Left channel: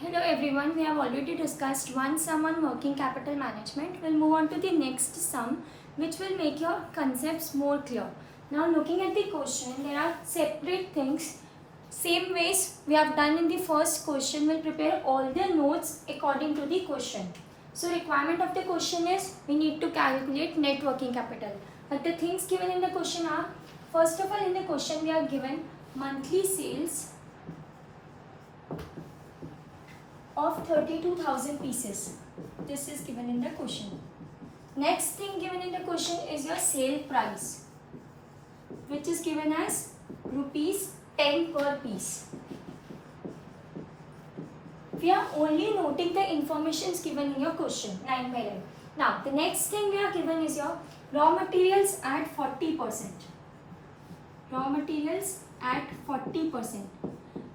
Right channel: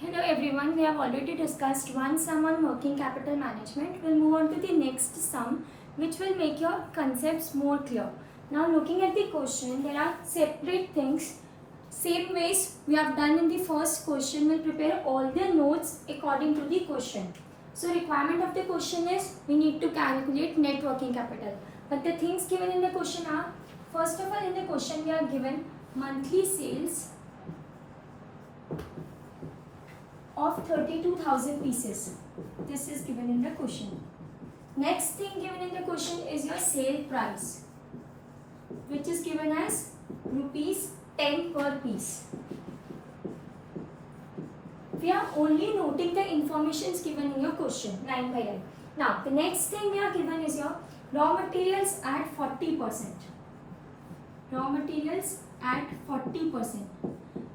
Hello everyone, we have already discussed one sum on working capital management. We'll move on to the next sum which will make your concepts more clear. Now looking at the question, there are separate things. Same ways we have done in the first question, we'll prepare all the notes according to the question. So requirement of the question is we need to calculate net working capital. But the things given in the question are, first of all in the question we are given monthly sales of 32,000 pieces. This is given in the question. Next thing given in the question is your sale price, which is given as rupees 10 per piece. We are only noting the informations given in your question, line by line. Now, the next thing we are given is your raw materials at 40%. Raw materials at 40%.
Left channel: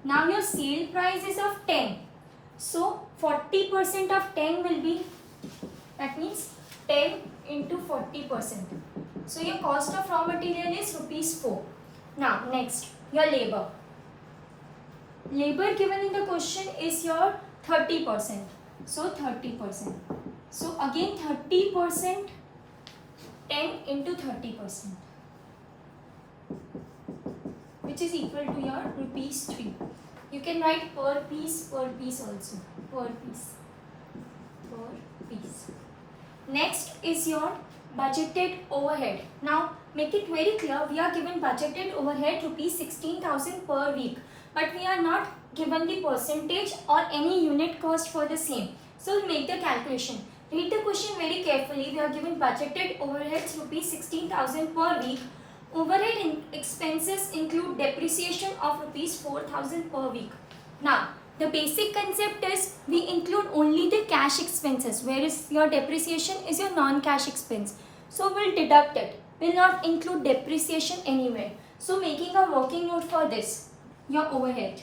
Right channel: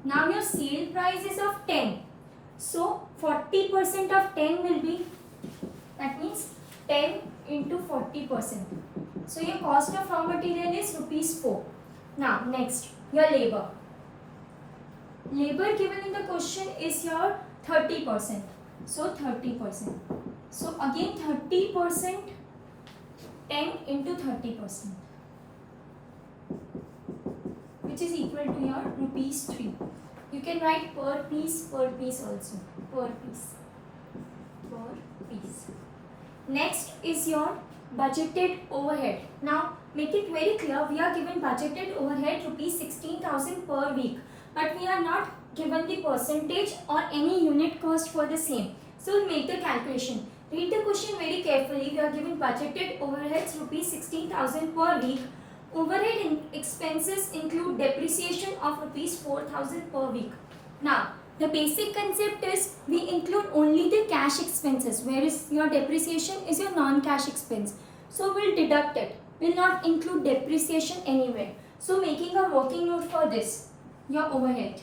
Now, your sale price is of 10. So 40% of 10 will be, that means 10 into 40%. So your cost of raw material is rupees 4. Now next, your labor. Labor given in the question is your 30%. So 30%. So again 30%, 10 into 30%, which is equal to your rupees 3. You can write per piece also, per piece. Next is your budgeted overhead. Now make it very clear, we are given budgeted overhead rupees 16,000 per week, but we are not given the percentage or any unit cost for the same. So we'll make the calculation. Read the question very carefully. We are given budgeted overheads rupees 16,000 per week. Overhead expenses include depreciation of rupees 4,000 per week. Now, the basic concept is we include only the cash expenses, whereas your depreciation is your non-cash expense. So, we'll deduct it. We'll not include depreciation anywhere. So, making a working note for this, your overhead.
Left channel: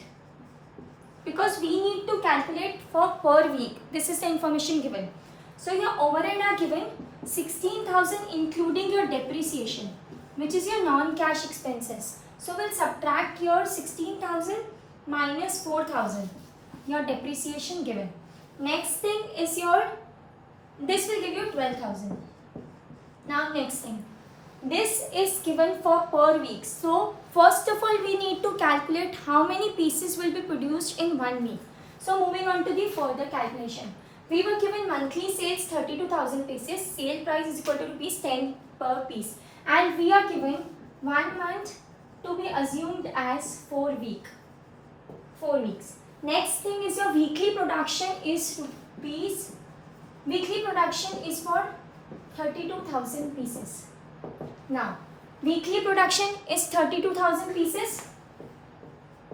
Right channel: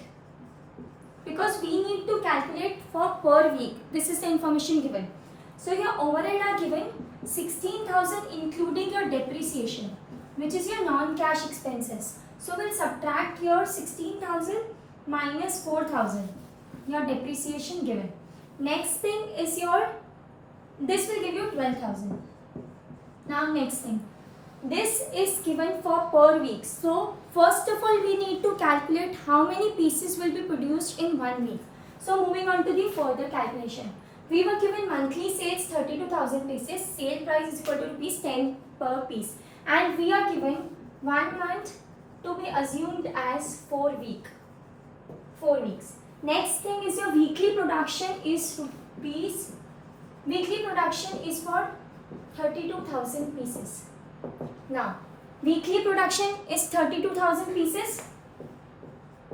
Because we need to calculate for per week. This is the information given. So, your overhead are given 16,000 including your depreciation, which is your non-cash expenses. So we'll subtract your 16,000 minus 4,000, your depreciation given. Next thing is this will give you 12,000. Now next thing, this is given for per week. So first of all we need to calculate how many pieces will be produced in 1 week. So moving on to the further calculation. We were given monthly sales 32,000 pieces, sale price is equal to rupees 10 per piece. And we are given 1 month to be assumed as 4 weeks. Next thing is your weekly production is rupees. Weekly production is for 32,000 pieces. Now, weekly production is 32,000 pieces.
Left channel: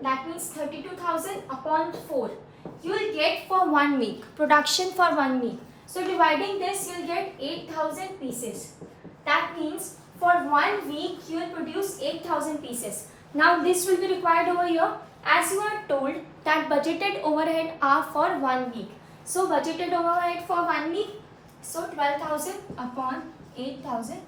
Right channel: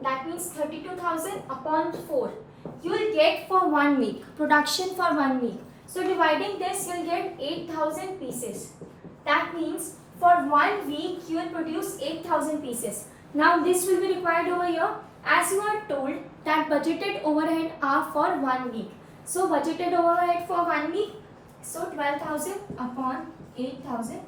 That means 32,000 upon 4. You will get for 1 week. Production for 1 week. So, dividing this, you will get 8,000 pieces. That means for 1 week, you will produce 8,000 pieces. Now, this will be required over here as you are told that budgeted overhead are for 1 week. So, budgeted overhead for 1 week, so 12,000 upon 8,000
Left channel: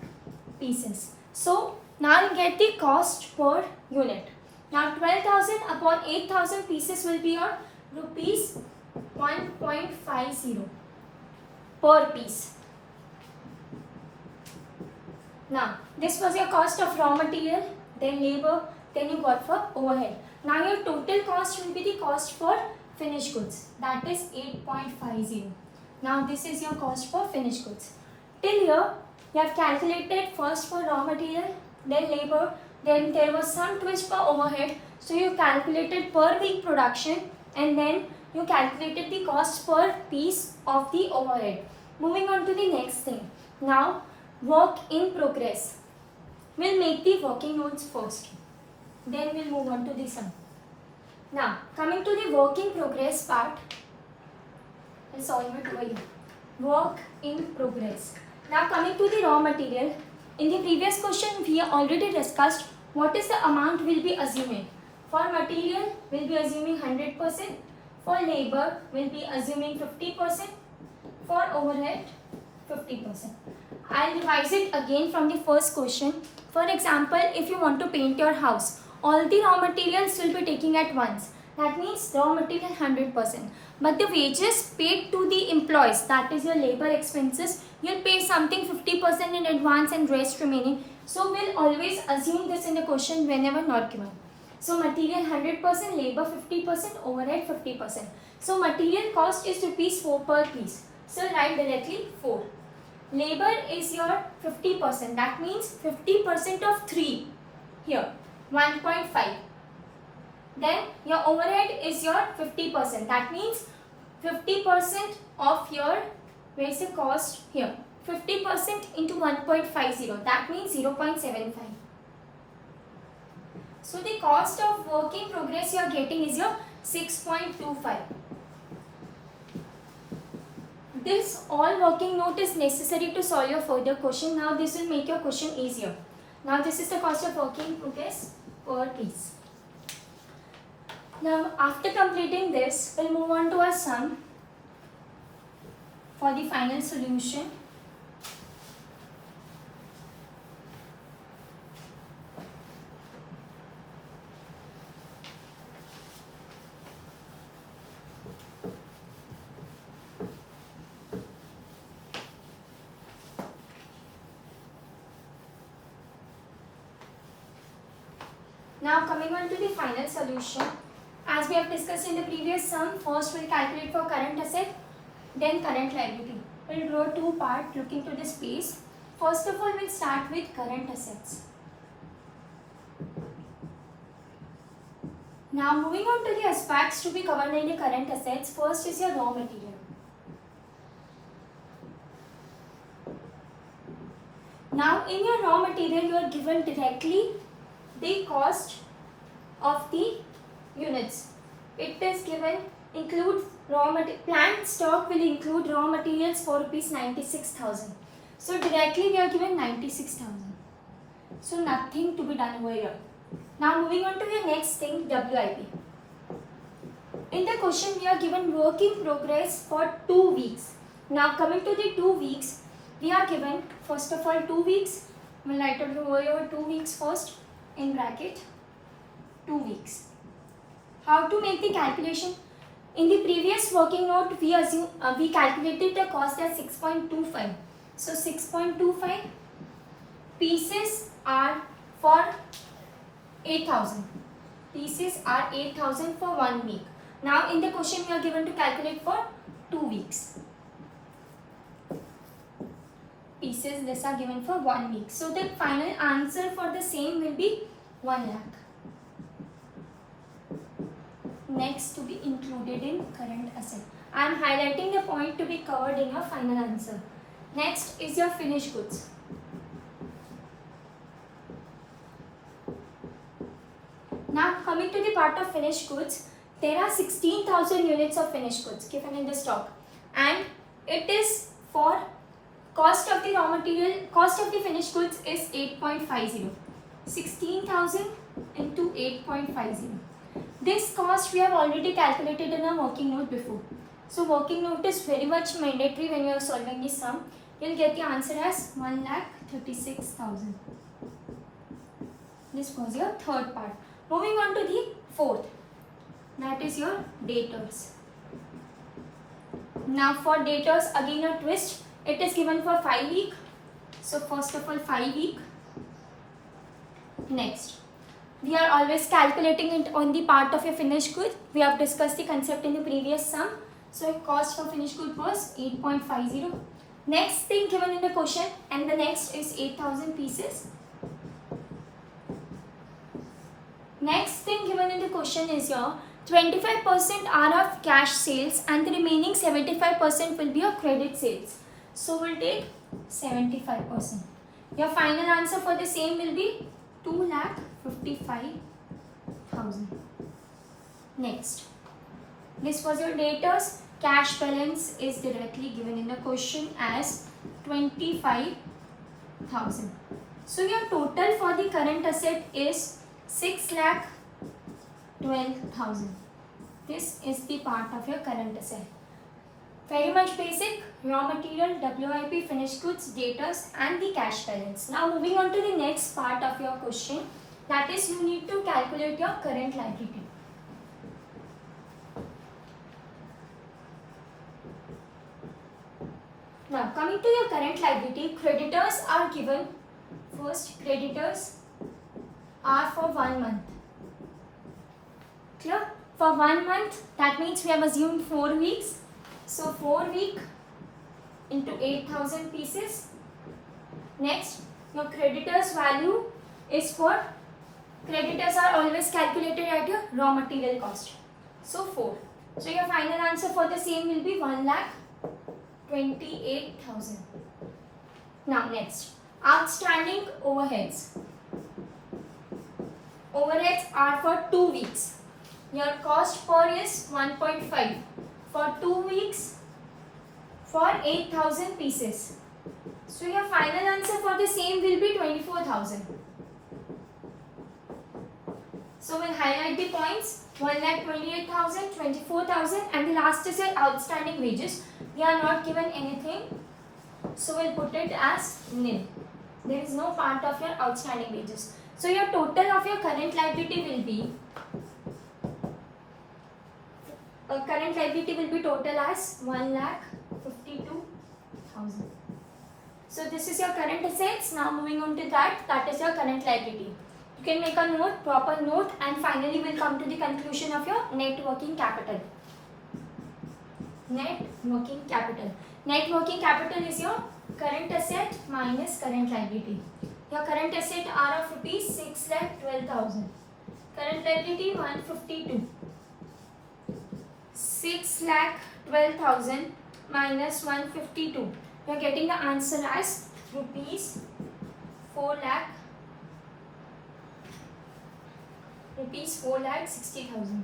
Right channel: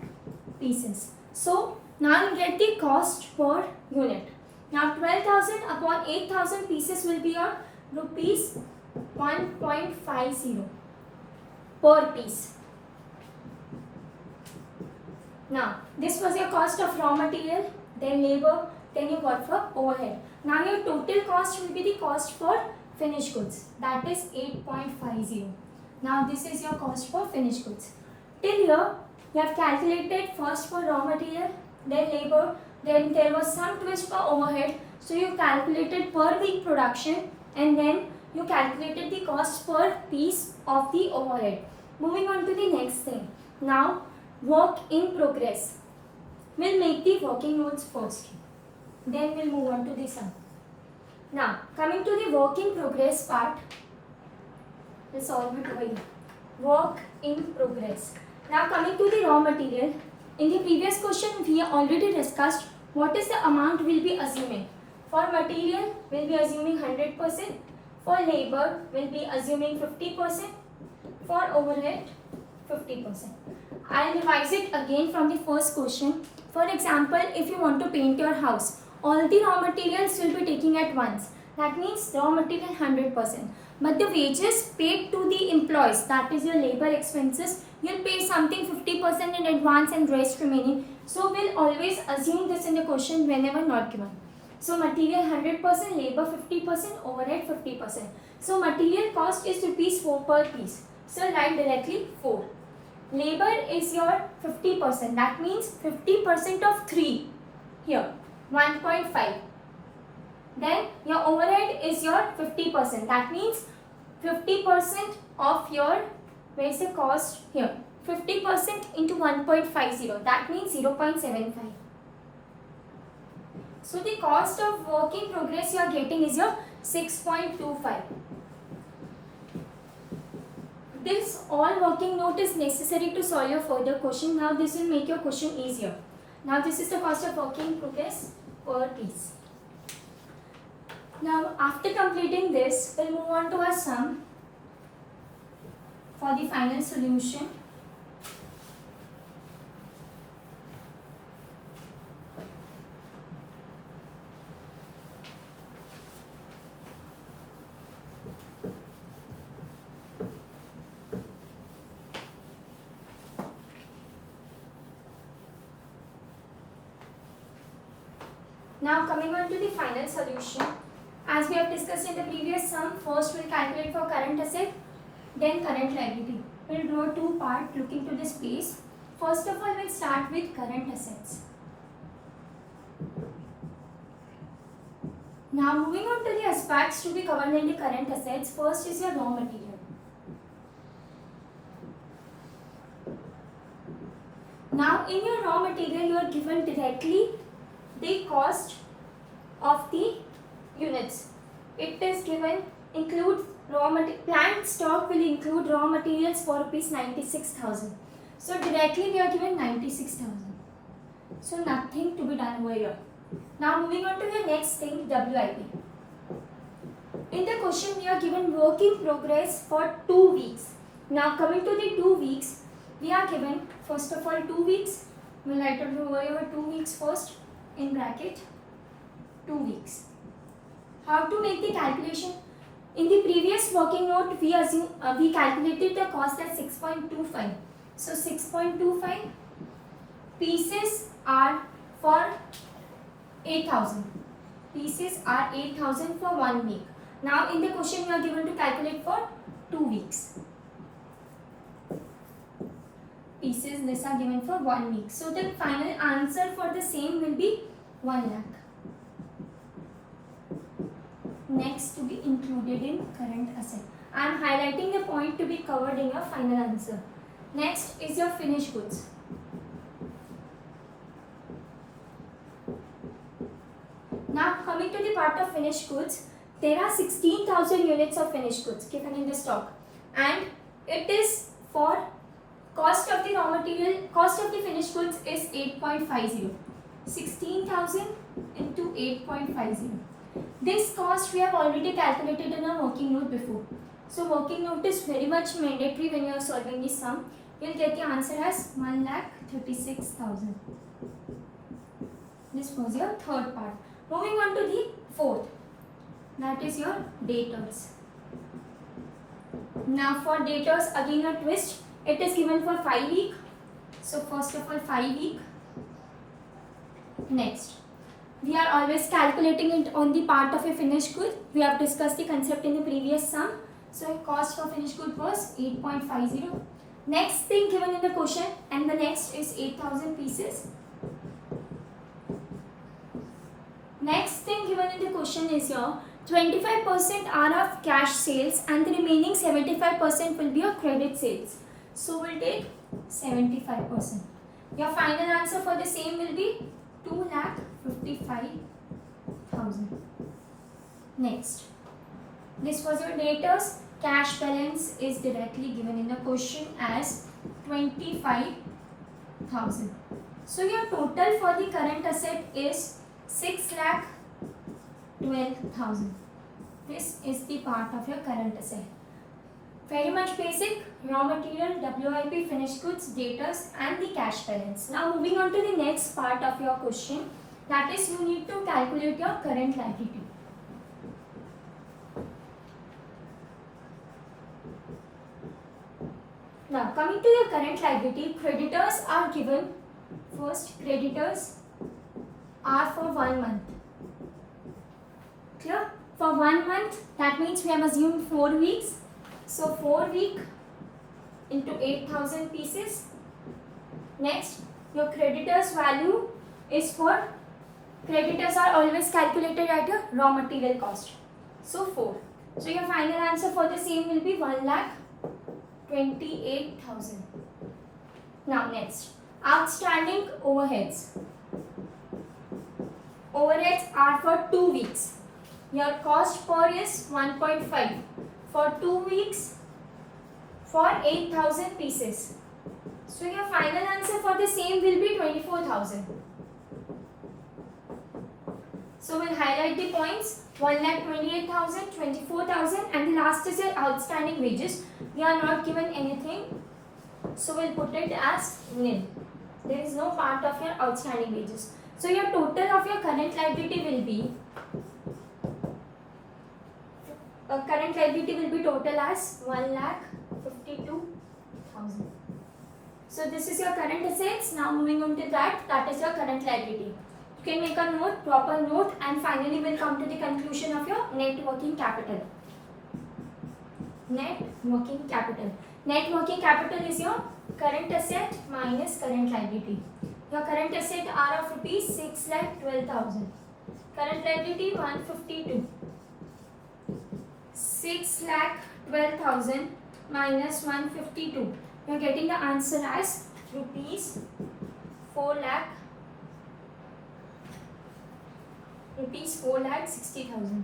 pieces. So, now you get the cost per unit. Now, 12,000 upon 8,000 pieces will be your rupees 1.50 per piece. Now, this was your cost of raw material, then labor, then you got for overhead. Now, your total cost will be the cost for finished goods. That is 8.50. Now, this is your cost for finished goods. Till here, you have calculated first for raw material, then labor, then there was some twist for overhead. So, you calculated per week production and then you calculated the cost per piece of the overhead. Moving on to the next thing. Now, work in progress. We'll make the working notes first. Then we'll move on to the sum. Now, coming to the work in progress part, we'll solve it over here. Work in progress. Now, coming to the raw material. In the previous question, we already discussed what is the amount we'll be assuming. For material, we'll be assuming 100%. For labor, we'll be assuming 50%. For overhead, 50%. I'll revise it again from the first question. For example, if you want to paint your house, all the raw materials will be taking at once. That means raw material 100%. But the wages paid to the employees, that is your labor expenses, you'll pay something 50% in advance and rest remaining. So we'll always assume this in the question whenever not given. So material 100%, labor 50%, overhead 50%. So material cost is rupees 4 per piece. So write directly 4. Labor is your 50%. That means 50% of 3 here, 1.5. Then your overhead is your 50%. That means 50% of your basic cost here. 50% into 1.50. That means 0.75. So the cost of work in progress you are getting is your 6.25. This all working note is necessary to solve your further question. Now this will make your question easier. Now this is the cost of work in progress per piece. Now after completing this, we'll move on to our sum for the final solution. Now coming on to the final solution. As we have discussed in the previous sum, first we'll calculate for current asset, then current liability. We'll draw two parts looking to the space. First of all, we'll start with current assets. Now moving on to the aspects to be covered in the current assets, first is your raw material. Now in your raw material, you are given directly the cost of the units. It is given includes raw material. Plant stock will include raw materials for rupees 96,000. So directly we are given 96,000. So nothing to be done over here. Now moving on to the next thing, WIP. In the question we are given work in progress for 2 weeks. Now coming to the 2 weeks, we are given first of all 2 weeks. We'll write it over here 2 weeks first in bracket 2 weeks. How to make the calculation? In the previous working note, we calculated the cost as 6.25. So 6.25 pieces are for 8,000. Pieces are 8,000 for 1 week. Now in the question we are given to calculate for 2 weeks. Pieces this are given for 1 week. So the final answer for the same will be 1 lakh. Next to be included in current asset. I am highlighting the point to be covered in your final answer. Next is your finished goods. Now coming to the part of finished goods, there are 16,000 units of finished goods given in the stock, and it is for cost of the raw material, cost of the finished goods is 8.50. 16,000 into 8.50. This cost we have already calculated in our working note before. So working note is very much mandatory when you are solving this sum. You will get the answer as 1,36,000. This was your third part. Moving on to the fourth. That is your debtors. Now for debtors, again a twist. It is given for 5 weeks. So first of all 5 weeks. Next, we are always calculating it on the part of a finished good. We have discussed the concept in the previous sum. So cost for finished good was 8.50. Next thing given in the question, and the next is 8,000 pieces. Next thing given in the question is your 25% are of cash sales and the remaining 75% will be of credit sales. So we'll take 75%. Your final answer for the same will be 2,55,000. Next, this was your debtors. Cash balance is directly given in the question as 25,000. So your total for the current asset is 6,12,000. This is the part of your current asset. Very much basic: raw material, WIP, finished goods, debtors, and the cash balance. Now moving on to the next part of your question, that is you need to calculate your current liability. Now coming to your current liability, creditors are given. First, creditors are for 1 month. Clear? For 1 month, that means we have assumed 4 weeks. So 4 weeks into 8,000 pieces. Next, your creditors value is for, creditors are always calculated at your raw material cost. So 4. So your final answer for the same will be 1,28,000. Now next, outstanding overheads. Overheads are for 2 weeks. Your cost per is 1.5 for 2 weeks for 8,000 pieces. So your final answer for the same will be 24,000. So we'll highlight the points: 1,28,000, 24,000, and the last is your outstanding wages. We are not given anything, so we'll put it as nil. There is no part of your outstanding wages. So your total of your current liability will be total as 1,52,000. So this is your current assets. Now moving on to that is your current liability. You can make a note, proper note, and finally we'll come to the conclusion of your net working capital. Net working capital. Net working capital is your current asset minus current liability. Your current asset are of rupees 6,12,000. Current liability 152. 6,12,000 minus 152. You are getting the answer as rupees 4,60,000.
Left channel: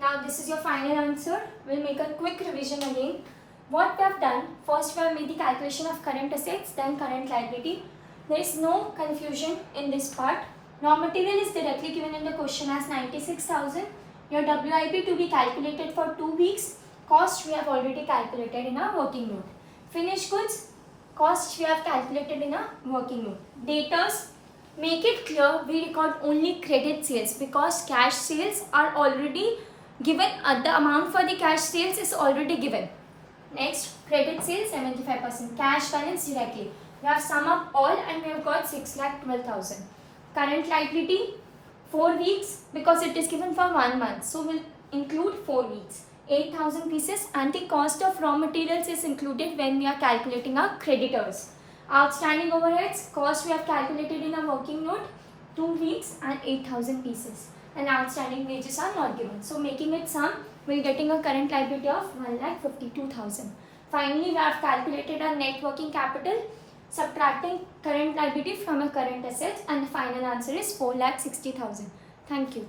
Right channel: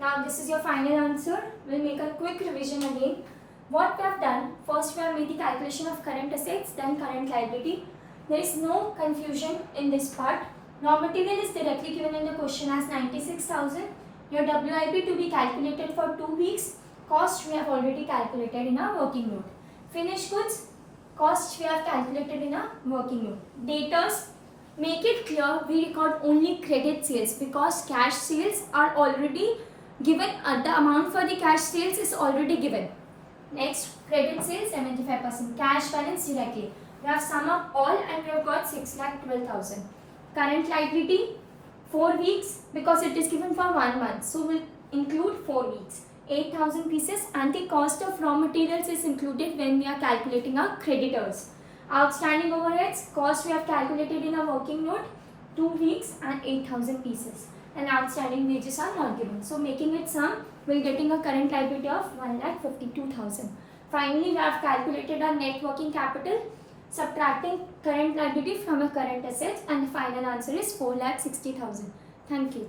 Now this is your final answer. We'll make a quick revision again. What we have done, first we have made the calculation of current assets, then current liability. There is no confusion in this part. Raw material is directly given in the question as 96,000. Your WIP to be calculated for 2 weeks. Cost we have already calculated in our working note. Finished goods, cost we have calculated in our working note. Debtors, make it clear we record only credit sales because cash sales are already given. The amount for the cash sales is already given. Next, credit sales 75%. Cash balance directly. We have sum up all and we have got 6,12,000. Current liability 4 weeks because it is given for 1 month. So we'll include 4 weeks. 8,000 pieces, and the cost of raw materials is included when we are calculating our creditors. Outstanding overheads cost we have calculated in our working note 2 weeks and 8,000 pieces. And outstanding wages are not given. So making it sum, we're getting a current liability of 1,52,000. Finally, we have calculated our net working capital, subtracting current liability from our current assets, and the final answer is 4,60,000. Thank you.